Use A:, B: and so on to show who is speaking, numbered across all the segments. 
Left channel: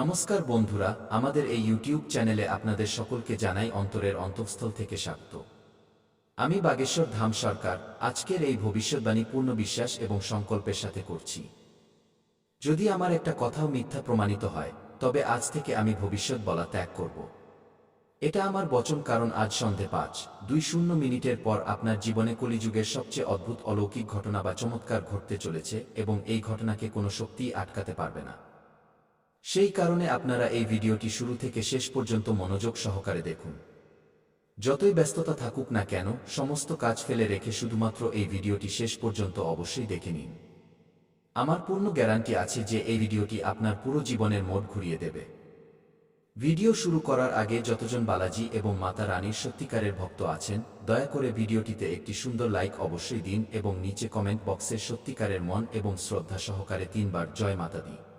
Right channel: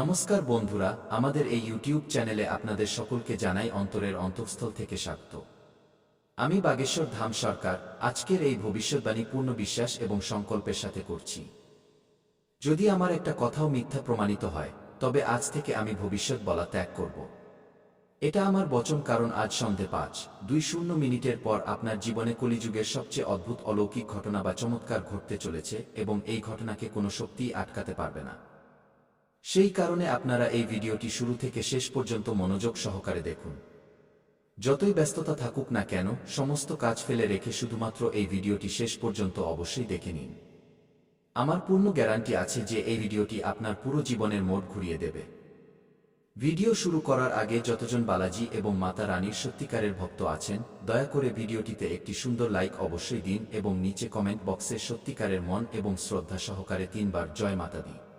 A: নমস্কার বন্ধুরা, আমাদের এই ইউটিউব চ্যানেলে আপনাদের সকলকে জানাই অন্তরের অন্তঃস্থল থেকে স্বাগত। আমি বাগেশ্বর ধাম সরকার, আজকের এই ভবিষ্যৎবাণী পূর্ণ বিশ্বাস এবং সংকল্পের সাথে করছি। যদি আমার একটা কথাও মিথ্যা প্রমাণিত হয়, তবে আজ থেকে আমি ভবিষ্যৎ বলা ত্যাগ করব। এটা আমার বচন কারণ আজ সন্ধে পাঁচ, দুই শূন্য মিনিটের পর আপনার জীবনে কলিযুগের সবচেয়ে অদ্ভুত অলৌকিক ঘটনা বা চমৎকার ঘটতে চলেছে এবং এই ঘটনাকে কোনো শক্তিই আটকাতে পারবে না। সেই কারণে আপনারা এই ভিডিওটি শুরু থেকে শেষ পর্যন্ত মনোযোগ সহকারে দেখুন। যতই ব্যস্ততা থাকুক না কেন, সমস্ত কাজ ফেলে রেখে শুধুমাত্র এই ভিডিওটি শেষ পর্যন্ত অবশ্যই দেখে নিন। আমার পূর্ণ গ্যারান্টি আছে যে এই ভিডিওটি আপনার পুরো জীবনের মোড় ঘুরিয়ে দেবে। ভিডিও শুরু করার আগে যতজন বালাজি এবং মাতা রানীর সত্যিকারের ভক্ত আছেন, দয়া করে ভিডিওটিতে একটি সুন্দর লাইক অবশ্যই দিন এবং নিচে কমেন্ট বক্সে সত্যিকারের মন এবং শ্রদ্ধা সহকারে তিনবার জয় মাতা দিই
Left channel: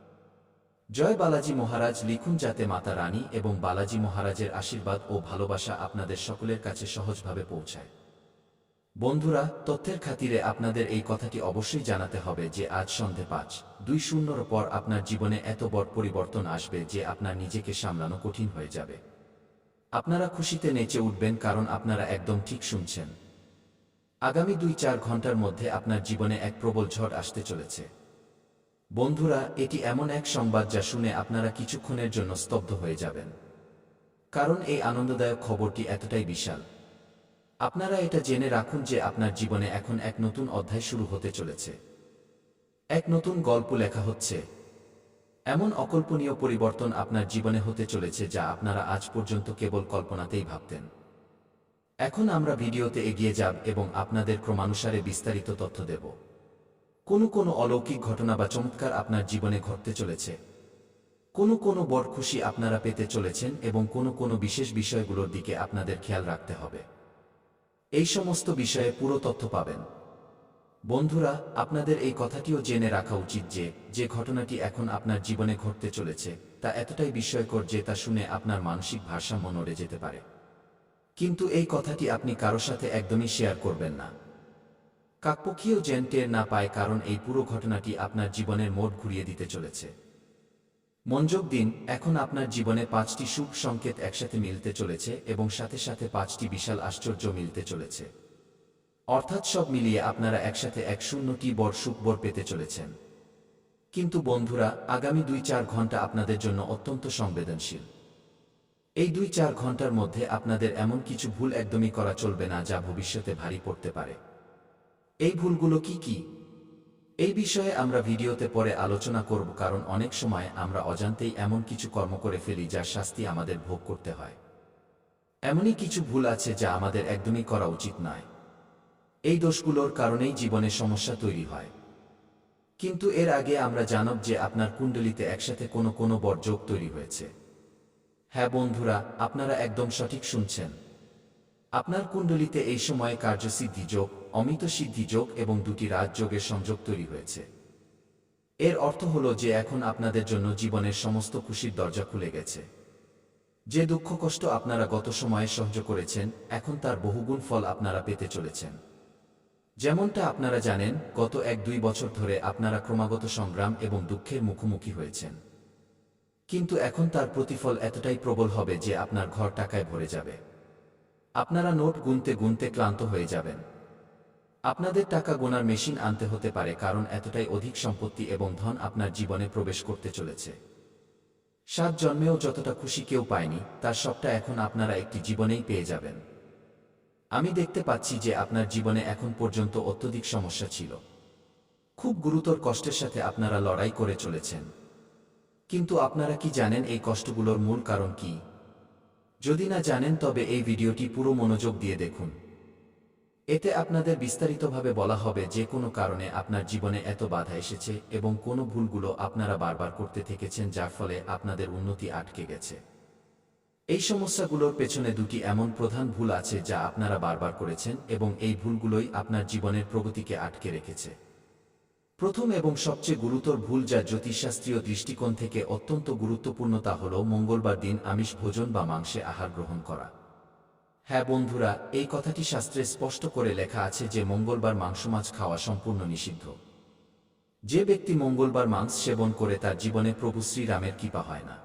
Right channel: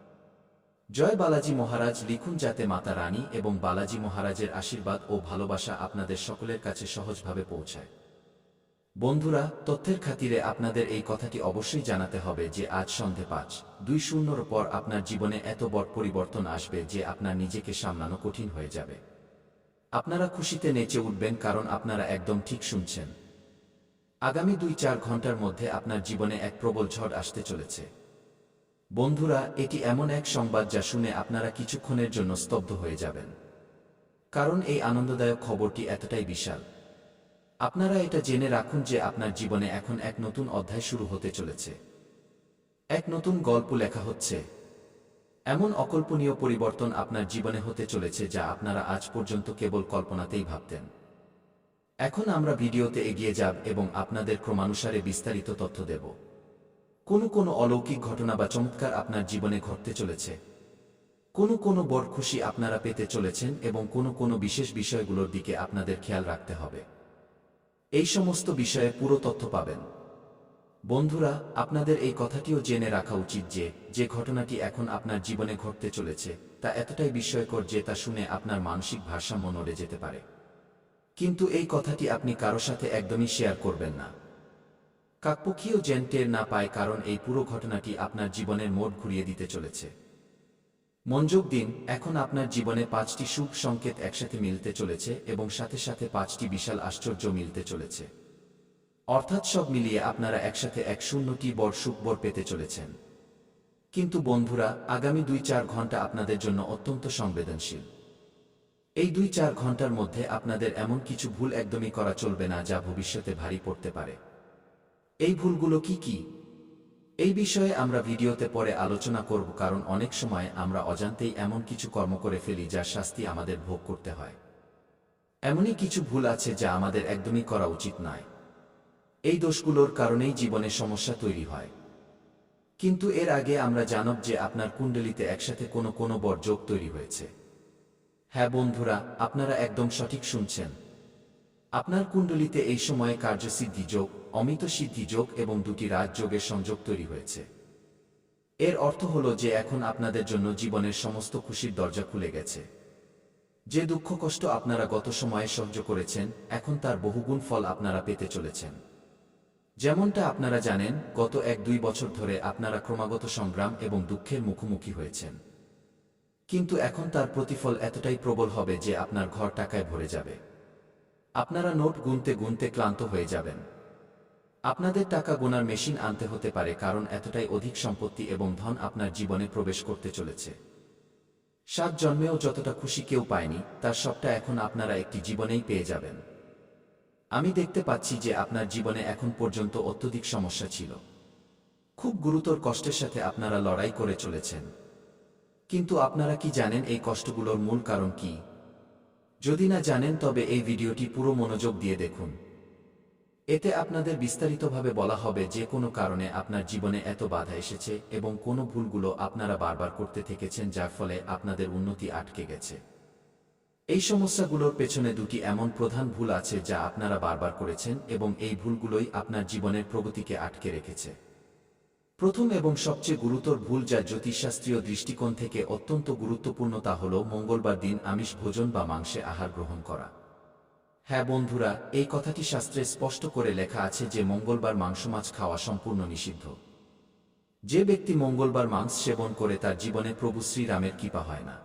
A: জয় বালাজি মহারাজ লিখুন যাতে মাতা রানী এবং বালাজি মহারাজের আশীর্বাদ ও ভালোবাসা আপনাদের সকলের কাছে সহজভাবে পৌঁছায়। বন্ধুরা, তথ্যের খাতিরে আপনাদের এই কথাটি অবশ্যই জানাতে হবে যে আজ সন্ধে পাঁচ, দুই শূন্যর পর আপনার জীবনে এত বড় পরিবর্তন আসবে যে আপনার নিজেকে সামলানো কঠিন হয়ে যাবে। আপনারা খুশিতে নেচে উঠবেন কারণ আপনারা একদম ঠিক শুনছেন। আগামী দুই চার ঘণ্টার মধ্যে আপনার জীবনে এক প্রবল ঝড় আসতে চলেছে। বন্ধুরা, এটি এমন এক সংবাদ যা শুনে আপনারা কিছুক্ষণের জন্য স্তব্ধ হয়ে যাবেন। কারণ এই আনন্দদায়ক খবরটি এতটাই বিশাল। আপনারা এটা জেনে রাখুন যে আপনার জীবনে এখন এক নতুন অধ্যায় শুরু হতে চলেছে। এক নতুন গল্প লেখা হচ্ছে। এমন অকল্পনীয় পরিবর্তন আপনার জীবনে হতে চলেছে যা আপনারা আজ পর্যন্ত কেবল কল্পনাতেই ভাবতেন। এখন আমরা ভিডিওতে এগিয়ে যাব এবং আপনাদের ক্রমানুসারে বিস্তারিত তথ্য দেব। কোনো কোনো অলৌকিক ঘটনা বা চমৎকার আপনার জীবনে ঘটতে চলেছে। কোনো কোনো বড় খুশি আপনারা পেতে চলেছেন এবং কোনো কোনো বিশেষ বিষয়গুলোর দিকে আপনাদের খেয়াল রাখতে হবে। এই সমস্ত বিষয়ে পুরো তথ্য পাবেন। বন্ধুরা, আপনাদের এই কথাটিও জেনে রাখা উচিত যে যে ঘটনাটি এখন আপনার জীবনে ঘটতে চলেছে, তা এতটাই বিস্ময়কর যে তা শুনে আপনার মানসিক ভারসাম্য নড়ে যেতে পারে। কিন্তু এই কথাটি আপনি কারও সাথে একদমই শেয়ার করবেন না। কাকপক্ষীয় যেন টের না পায় কারণ এই পুরো ঘটনাটি আপনার জীবনের মোড় ঘুরিয়ে দিতে চলেছে। মনযোগ দিন, এখন আপনার জীবনে পাঁচটি শুভ সংকেত একসাথে মিলতে চলেছে এবং সাথে সাথে পাঁচটি বিশাল আশ্চর্য মিলতে চলেছে। অর্থাৎ সব মিলিয়ে আপনারা একসাথে এক শূন্যটি বড় সুখবর পেতে চলেছেন। কিন্তু বন্ধুরা, আগামী দুই চার ঘণ্টা আপনাদের জন্য অত্যন্ত সংবেদনশীল। এই দুই চার ঘণ্টার মধ্যে আপনাদের এমন কিছু ভুল একদমই করা চলবে না যা ভবিষ্যতে ভারী পড়তে পারে। এই ভুলগুলো কি কি? এই বিষয়ে আমরা ভিডিওতে পরে আলোচনা করব কারণ অনেক সময় আমরা অজান্তেই এমন কিছু কর্ম করে ফেলি যার শাস্তি আমাদের ভোগ করতে হয়। এমনই কিছু ভুল আছে যা আমাদের একদমই করা উচিত নয়। এই দোষগুলোর কারণেই জীবনে সমস্যা তৈরি হয়। কিন্তু এর আগে আমরা জানব যে আপনার কুণ্ডলিতে একসাথে কোনো কোনো বড় যোগ তৈরি হয়েছে। হ্যাঁ বন্ধুরা, আপনারা একদম সঠিক শুনছেন। আপনার কুণ্ডলিতে এই সময়ে কার্যসিদ্ধি যোগ অমিত সিদ্ধি যোগ এবং দুটি রাজযোগের সংযোগ তৈরি হয়েছে। এর অর্থ হল যে এখন আপনাদের জন্য জীবনের সমস্ত খুশির দরজা খুলে গেছে। যে দুঃখ কষ্ট আপনারা গত সময়ে সহ্য করেছেন, এখন তার বহুগুণ ফল আপনারা পেতে চলেছেন। যেমনটা আপনারা জানেন, গত এক দুই বছর ধরে আপনারা ক্রমাগত সংগ্রাম এবং দুঃখের মুখোমুখি হয়েছেন। কিন্তু এখন তার প্রতিফল এতটাই প্রবল হবে যে আপনার ঘর টাকায় ভরে যাবে। আপনারা নোট গুনতে গুনতে ক্লান্ত হয়ে যাবেন। আপনাদের টাকা গোনার মেশিন আনতে হতে পারে কারণ এতটাই অধিক সম্পত্তি এবং ধন আপনার জীবনে প্রবেশ করতে চলেছে। সাত জন্মেও যতটা খুশি কেউ পায়নি, তার সবটা এখন আপনারা একটি জীবনেই পেয়ে যাবেন। আমি দেখতে পাচ্ছি যে আপনার জীবনে এখন পর্যন্ত অত্যধিক সমস্যা ছিল। খুব গুরুতর কষ্টের সাথে আপনারা লড়াই করে চলেছেন। কিন্তু আপনারা কি জানেন এই কষ্টগুলোর মূল কারণ কি? যদি না জানেন তবে এই ভিডিওটি পুরো মনোযোগ দিয়ে দেখুন। এতে আপনাদের বিস্তারিতভাবে বলা হবে যে কোনো কারণে আপনার জীবনে এত বাধা এসেছে এবং কোন ভুলগুলো আপনারা বারবার করতে থেকেছেন যার ফলে আপনাদের উন্নতি আটকে গেছে। এই সমস্যাগুলোর পেছনে দুটি এমন প্রধান ভুল আছে যা আপনারা বারবার করেছেন এবং এই ভুলগুলোই আপনার জীবনের প্রগতিকে আটকে রেখেছে। প্রথম এবং সবচেয়ে গুরুতর ভুল যা জ্যোতিষশাস্ত্রীয় দৃষ্টিকোণ থেকে অত্যন্ত গুরুত্বপূর্ণ তা হল মঙ্গলবার দিন আমিষ ভোজন বা মাংসে আহার গ্রহণ করা। হ্যাঁ বন্ধুরা, এই কথাটি শাস্ত্রে স্পষ্ট করে লেখা আছে যে মঙ্গলবার মাংস মাছ খাওয়া সম্পূর্ণ নিষিদ্ধ। যে ব্যক্তি মঙ্গলবার মাংস সেবন করে তার জীবনে প্রভু শ্রীরামের কৃপা হয় না।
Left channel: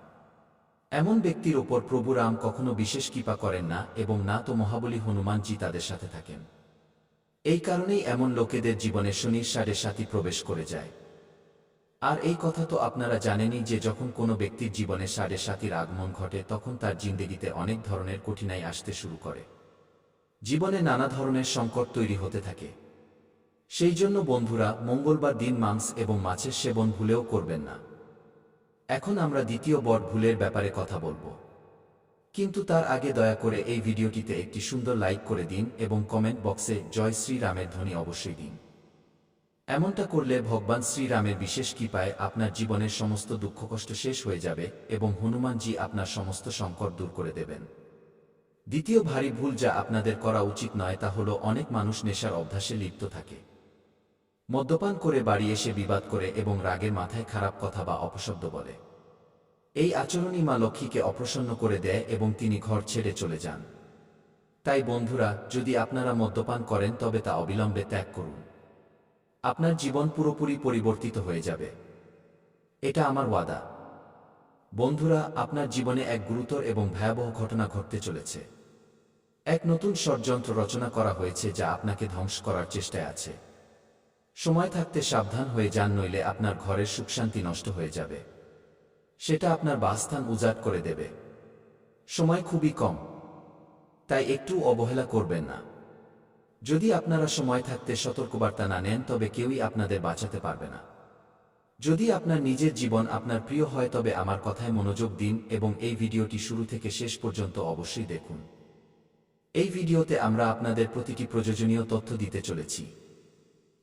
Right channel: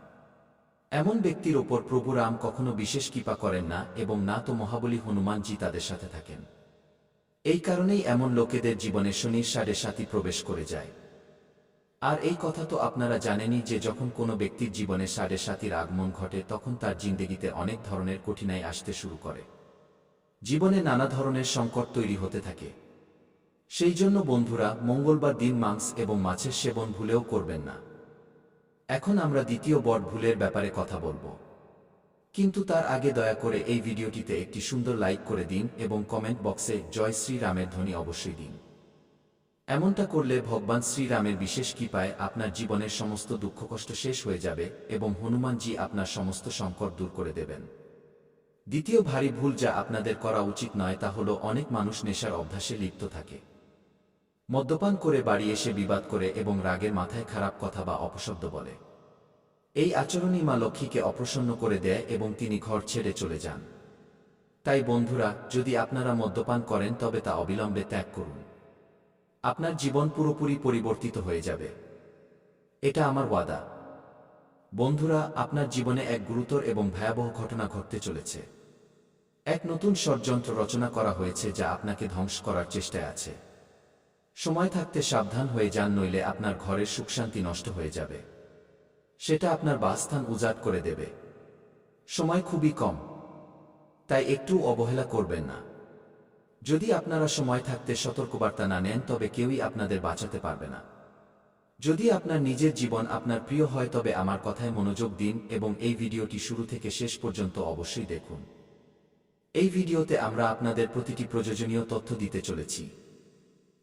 A: এমন ব্যক্তির ওপর প্রভু রাম কখনো বিশেষ কৃপা করেন না এবং না তো মহাবলী হনুমানজি তাদের সাথে থাকেন। এই কারণেই এমন লোকেদের জীবনে শনির সাড়ে সাথী প্রবেশ করে যায়। আর এই কথা তো আপনারা জানেনই যে যখন কোনো ব্যক্তির জীবনে সাড়ে সাতির আগমন ঘটে, তখন তার জিন্দেগিতে অনেক ধরনের কঠিনাই আসতে শুরু করে। জীবনে নানা ধরনের সংকট তৈরি হতে থাকে। সেই জন্য বন্ধুরা, মঙ্গলবার দিন মাংস এবং মাছের সেবন ভুলেও করবেন না। এখন আমরা দ্বিতীয় বড় ভুলের ব্যাপারে কথা বলব। কিন্তু তার আগে দয়া করে এই ভিডিওটিতে একটি সুন্দর লাইক করে দিন এবং কমেন্ট বক্সে জয় শ্রীরামের ধ্বনি অবশ্যই দিন। এমনটা করলে ভগবান শ্রীরামের বিশেষ কৃপায় আপনার জীবনের সমস্ত দুঃখ কষ্ট শেষ হয়ে যাবে এবং হনুমানজি আপনার সমস্ত সংকট দূর করে দেবেন। দ্বিতীয় ভারী ভুল যা আপনাদের করা উচিত নয় তা হল অনেক মানুষ নেশার অভ্যাসে লিপ্ত থাকে। মদ্যপান করে বাড়ি এসে বিবাদ করে এবং রাগের মাথায় খারাপ কথা বা অপশব্দ বলে। এই আচরণই মা লক্ষ্মীকে অপ্রসন্ন করে দেয় এবং তিনি ঘর ছেড়ে চলে যান। তাই বন্ধুরা, যদি আপনারা মদ্যপান করেন তবে তা অবিলম্বে ত্যাগ করুন। আপনার জীবন পুরোপুরি পরিবর্তিত হয়ে যাবে। এটা আমার ওয়াদা। বন্ধুরা, আপনার জীবনে এক গুরুতর এবং ভয়াবহ ঘটনা ঘটতে চলেছে। এক নতুন ষড়যন্ত্র রচনা করা হয়েছে যা আপনাকে ধ্বংস করার চেষ্টায় আছে। সময় থাকতে সাবধান হয়ে যান, নইলে আপনার ঘরের সুখশান্তি নষ্ট হয়ে যাবে। সেটা আপনার বাসস্থান উজাট করে দেবে। সময় খুবই কম। তাই একটু অবহেলা করবেন না। যদি আপনারা সময় থাকতে সতর্কবার্তা না নেন, তবে কেউই আপনাদের বাঁচাতে পারবে না। যদি আপনার নিজের জীবন আপনার প্রিয় হয়, তবে আমার কথায় মনোযোগ দিন এবং এই ভিডিওটি শুরু থেকে শেষ পর্যন্ত অবশ্যই দেখুন। এই ভিডিওতে আমরা আপনাদের প্রতিটি প্রয়োজনীয় তথ্য দিতে চলেছি।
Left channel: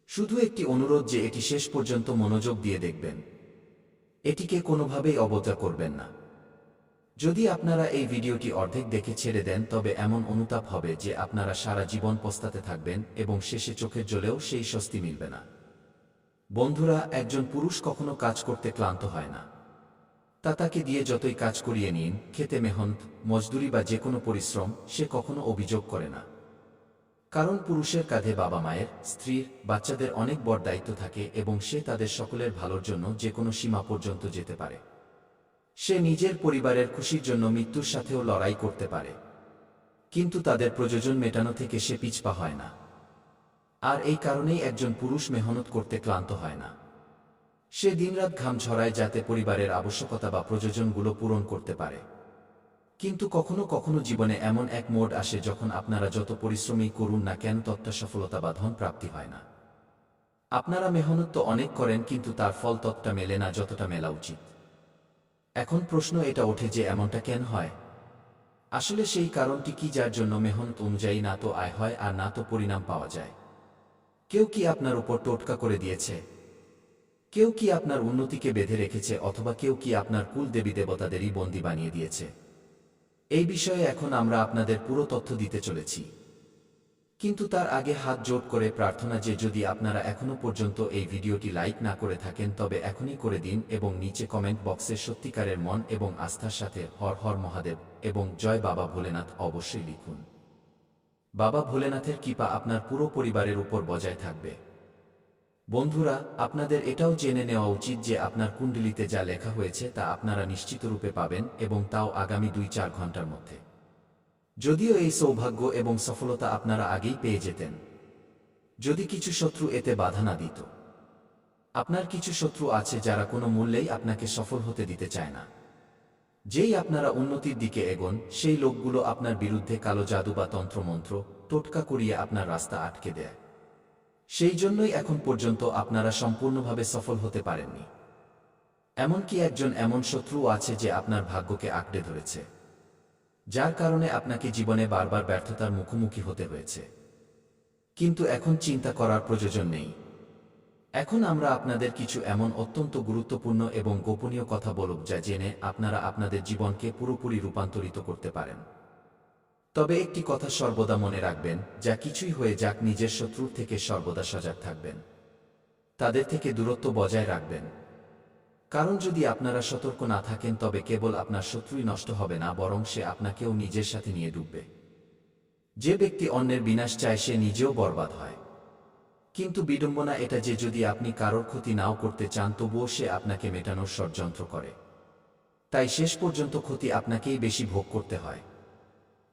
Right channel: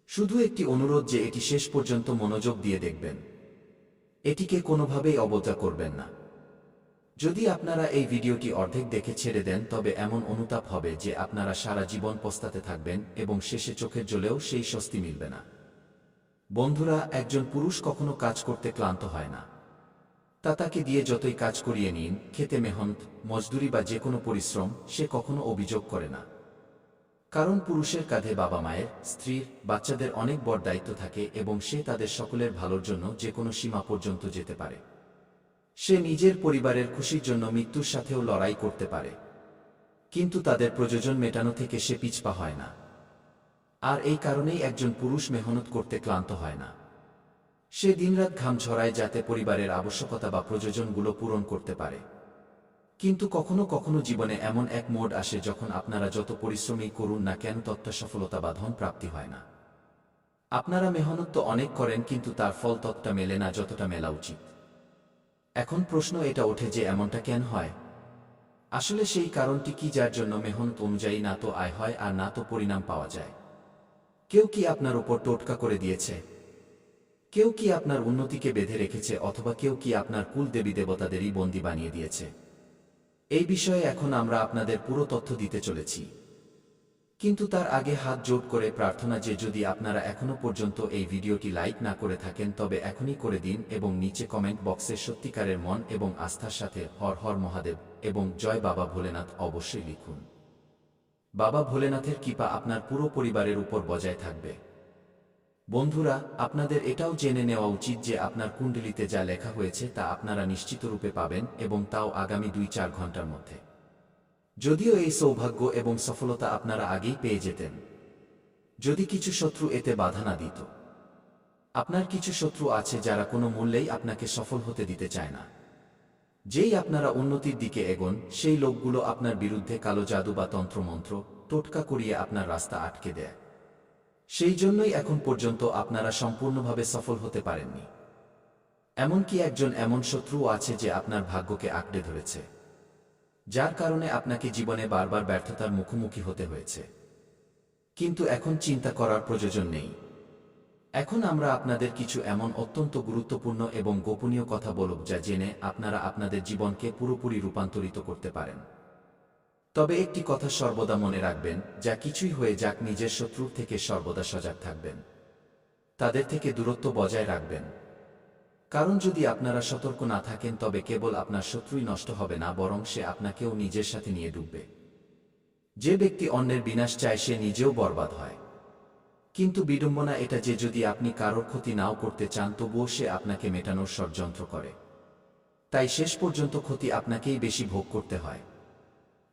A: শুধু একটি অনুরোধ যে, এটি শেষ পর্যন্ত মনোযোগ দিয়ে দেখবেন। এটিকে কোনোভাবেই অবজ্ঞা করবেন না। যদি আপনারা এই ভিডিওটি অর্ধেক দেখে ছেড়ে দেন, তবে এমন অনুতাপ হবে যে আপনারা সারা জীবন পস্তাতে থাকবেন এবং শেষে চোখের জলেও সেই স্বস্তি মিলবে না। বন্ধুরা, একজন পুরুষ কখনো কাজ করতে ক্লান্ত হয় না। তা তাকে দিয়ে যতই কাজ করিয়ে নিন, খেতে মেহনত, মজদুরি বা যে কোনো পরিশ্রম, সে কখনো অভিযোগ করে না। কারণ পুরুষের কাঁধে বাবা মায়ের, স্ত্রীর, বাচ্চাদের অনেক বড় দায়িত্ব থাকে এবং সে তাদের সকলের ভালোর জন্য যে কোনো সীমা পর্যন্ত যেতে পারে। সে নিজের পরিবারের খুশির জন্য মৃত্যুর সাথেও লড়াই করতে পারে। কিন্তু তাদের প্রয়োজন মেটানো থেকে সে পিছপা হয় না। আর এই কারণেই একজন পুরুষ মেহনত করতে ক্লান্ত হয় না। সে দিনরাত ঘাম ঝরায় যাতে পরিবারের আবশ্যকতা বা প্রয়োজনগুলো পূরণ করতে পারে। কিন্তু কখনো কখনো জীবনে এমন এক মোড আসে যখন আপনারা যত পরিশ্রমই করুন না কেন তত্ত্ব সফলতা বা ধন প্রাপ্তি হয় না। আপনারা মেহনত তো অনেক করেন কিন্তু তার ফল ততটা মেলে না যতটা মেলা উচিত। এখন প্রশ্ন এটা ওঠে যে এমনটা কেন হয়? আসলে সেই কারণটি কি যার জন্য মেহনত অনুযায়ী না তো আয় হয় আর না তো পরিণাম পাওয়া যায়? কেউ কি আপনার উপর টোটকা করে দিয়েছে? কেউ কি আপনার উন্নতিকে বেঁধে রেখেছে অথবা কেউ কি আপনার কুল দেবী দেবতাদেরই বন্দি বানিয়ে দিয়েছে? এই বিষয়ে এখন আমরা আপনাদের পুরো তথ্য দিতে চলেছি। কিন্তু তার আগে হাত জোট করে প্রার্থনা যে যদি আপনারা এখনও পর্যন্ত এই ভিডিওটি লাইক না করে থাকেন তবে এখনই করে দিন এবং নিচে কমেন্ট বক্সে সত্যিকারের মন এবং আস্থার সাথে হর হর মহাদেব এবং জয় বাবা ভোলেনাথ অবশ্যই লিখুন। বাবা ভোলেনাথের কৃপা আপনার পুরো পরিবারের উপর বজায় থাকবে। বন্ধুরা, আপনাদের এটাও জেনে নেওয়া উচিত যে আপনার কুণ্ডলিতে যা লেখা হয়েছে তা আপনারা নিশ্চিত রূপে পাবেন এবং তাও আগামী দুই চার ঘণ্টার মধ্যে। যদিও এই সৌভাগ্য এবং সফলতা আপনারা আগেই পেয়ে যেতেন। যদি কিছু শত্রু এতে বাধা না দিত। আপনার কিছু শত্রু আছে যারা কোনো মূল্যেই আপনাকে সফল হতে দিতে চায় না। যেই আপনারা উন্নতির দিকে এগোন, সেই লোকগুলো আপনার বিরুদ্ধে কালো জাদু বা তন্ত্রমন্ত্র, টোটকা করিয়ে আপনার রাস্তা আটকে দেয়। সেই জন্যই এখন পর্যন্ত আপনারা সম্পূর্ণভাবে সফল হতে পারেননি। এমনকি একজন এমন শত্রু আছে যে আপনার ভাগ্যকে আঁকড়ে ধরেছে। যার কারণে আপনাকে জীবনে বারবার ব্যর্থতার মুখোমুখি হতে হয়েছে। কিন্তু এখন চিন্তা করার প্রয়োজন নেই। এখন আমরা আপনাদের কিছু এমন অত্যন্ত গুরুত্বপূর্ণ এবং গোপনীয় কথা বলব যা জেনে আপনারা আপনাদের জীবনকে পুরোপুরি রূপান্তরিত করতে পারেন। তবে একটি কথা সর্বদা মনে রাখবেন, যা কিছুই হয়ে যাক নিজের শত্রুর থেকে সর্বদা সজাগ থাকবেন। তাদের থেকে দূরত্ব বজায় রাখবেন। কারণ যদি আপনারা সতর্ক না থাকেন, তবে কেবল আপনার শত্রুই নষ্ট হবে না, বরং সে আপনাকেও নিজের সাথে নিয়ে ডুববে। যে ব্যক্তি অন্যের বিনাশ চায়, সে নিজেও বরবাদ হয়। কিন্তু বিড়ম্বনা এটা যে, যদি আপনি কারোর ক্ষতি নাও করতে চান, তবুও সে আপনাকে মেটানোর ষড়যন্ত্র করে। তাই শেষ পর্যন্ত ক্ষতি আপনাকেই বেশি ভোগ করতে হয়।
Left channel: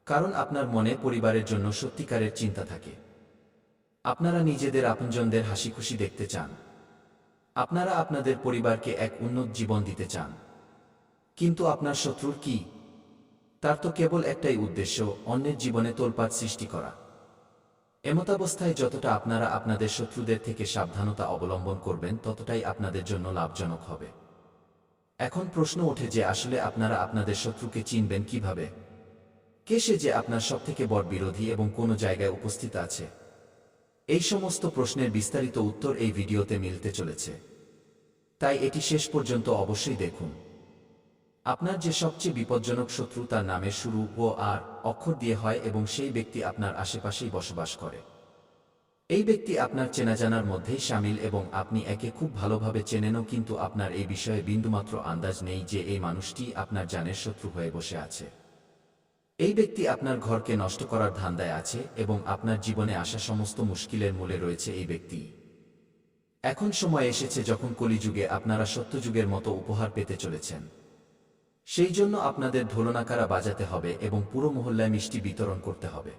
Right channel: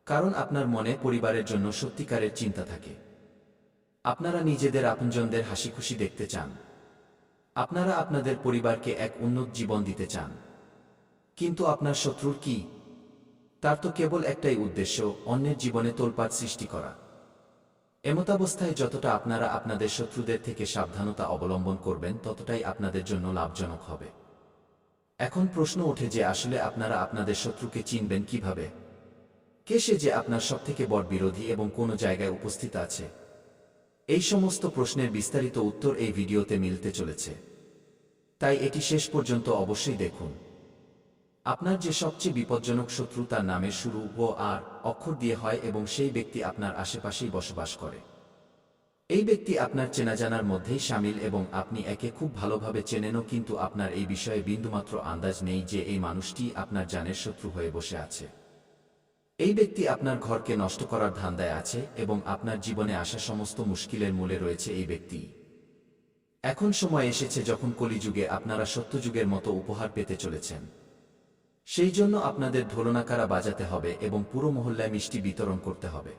A: কারণ আপনার মনে পরিবারের জন্য সত্যিকারের চিন্তা থাকে। আপনারা নিজেদের আপনজনদের হাসি খুশি দেখতে চান। আপনারা আপনাদের পরিবারকে এক উন্নত জীবন দিতে চান। কিন্তু আপনার শত্রুর কি? তার তো কেবল একটাই উদ্দেশ্য, অন্যের জীবনে তোলপাট সৃষ্টি করা। এমতাবস্থায় যতটা আপনারা আপনাদের শত্রুদের থেকে সাবধানতা অবলম্বন করবেন, ততটাই আপনাদের জন্য লাভজনক হবে। এখন প্রশ্ন ওঠে যে আসলে আপনারা আপনাদের শত্রুকে চিনবেন কীভাবে? কে সে যে আপনার সবথেকে বড় বিরোধী এবং কোনো জায়গায় উপস্থিত আছে? এই সমস্ত প্রশ্নের বিস্তারিত উত্তর এই ভিডিওতে মিলতে চলেছে। তাই এটি শেষ পর্যন্ত অবশ্যই দেখুন। আপনার যে সবচেয়ে বিপজ্জনক শত্রু তার নামের শুরু ও আর, অক্ষর দিয়ে হয় এবং সেই ব্যক্তি আপনার আশেপাশেই বসবাস করে। এই ব্যক্তি আপনার চেনাজানার মধ্যেই সামিল এবং আপনি একে খুব ভালোভাবে চেনেনও কিন্তু আপনার এই বিষয়ে বিন্দুমাত্র আন্দাজ নেই যে এই মানুষটি আপনার জানের শত্রু হয়ে বসে আছে। এই ব্যক্তি আপনার ঘরকে নষ্ট করার ধান্দায় আছে এবং আপনার জীবনে আসা সমস্ত মুশকিলের মূলে রয়েছে এই ব্যক্তি। এখন সময় এসেছে যখন কলিযুগে আপনারা সত্যযুগের মতো উপহার পেতে চলেছেন। সেই জন্য আপনাদের ঢোলনাকারা বাজাতে হবে এবং পুরো মহল্লায় মিষ্টি বিতরণ করতে হবে।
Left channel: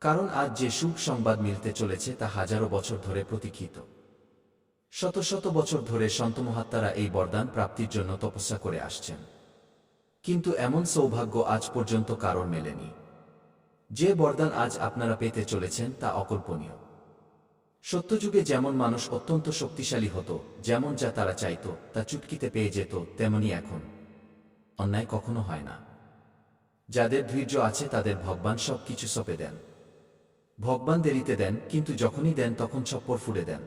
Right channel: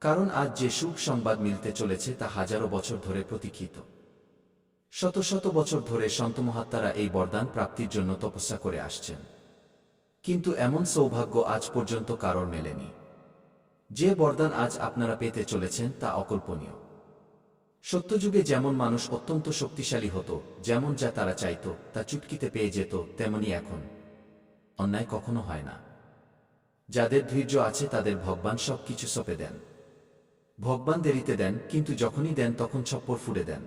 A: কারণ আজ যে সুখ সংবাদ মিলতে চলেছে তা হাজারো বছর ধরে প্রতীক্ষিত। শত শত বছর ধরে সন্তমহাত্মারা এই বরদান প্রাপ্তির জন্য তপস্যা করে আসছেন। কিন্তু এমন সৌভাগ্য আজ পর্যন্ত কারোর মেলেনি। যে বরদান আজ আপনারা পেতে চলেছেন তা অকল্পনীয়। সত্যযুগে যেমন মানুষ অত্যন্ত শক্তিশালী হতো, যেমন যা তারা চাইত, তা চুটকিতে পেয়ে যেত, তেমনি এখন। অন্যায় কখনো হয় না। যাদের ধৈর্য আছে তাদের ভগবান সব কিছু সপে দেন। ভগবান দেরিতে দেন, কিন্তু যখনই দেন তখন ছপ্পর ফুড়ে দেন।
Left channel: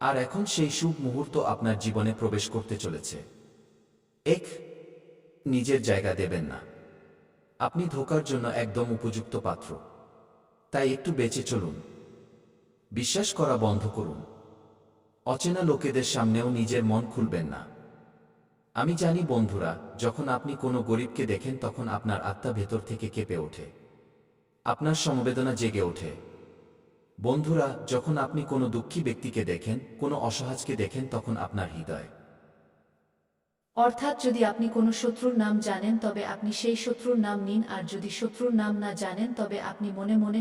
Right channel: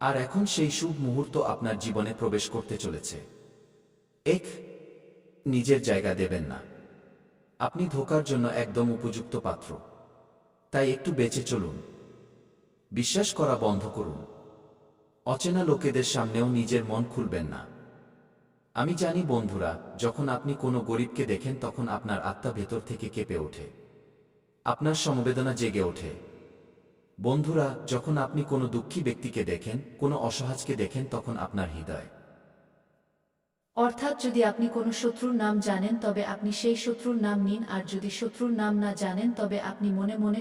A: আর এখন সেই শুভ মুহূর্ত আপনার জীবনে প্রবেশ করতে চলেছে। এক নিজের জায়গা দেবেন না। আপনি ধোকার জন্য একদম উপযুক্ত পাত্র। তাই একটু বেঁচে চলুন। বিশ্বাস করা বন্ধ করুন। অচেনা লোকেদের সামনেও নিজের মন খুলবেন না। আমি জানি বন্ধুরা, যখন আপনি কোনো গরিবকে দেখেন তখন আপনার আত্মা ভেতর থেকে কেঁপে ওঠে। আপনার সমবেদনা জেগে ওঠে। বন্ধুরা, যখন আপনি কোনো দুঃখী ব্যক্তিকে দেখেন, কোনো অসহাজকে দেখেন তখন আপনার হৃদয়।
B: অর্থাৎ যদি আপনি কোনো শত্রুর নাম জানেন, তবে আপনি সেই শত্রুর নাম নিন, আর যদি শত্রুর নাম না জানেন, তবে আপনি মনে মনে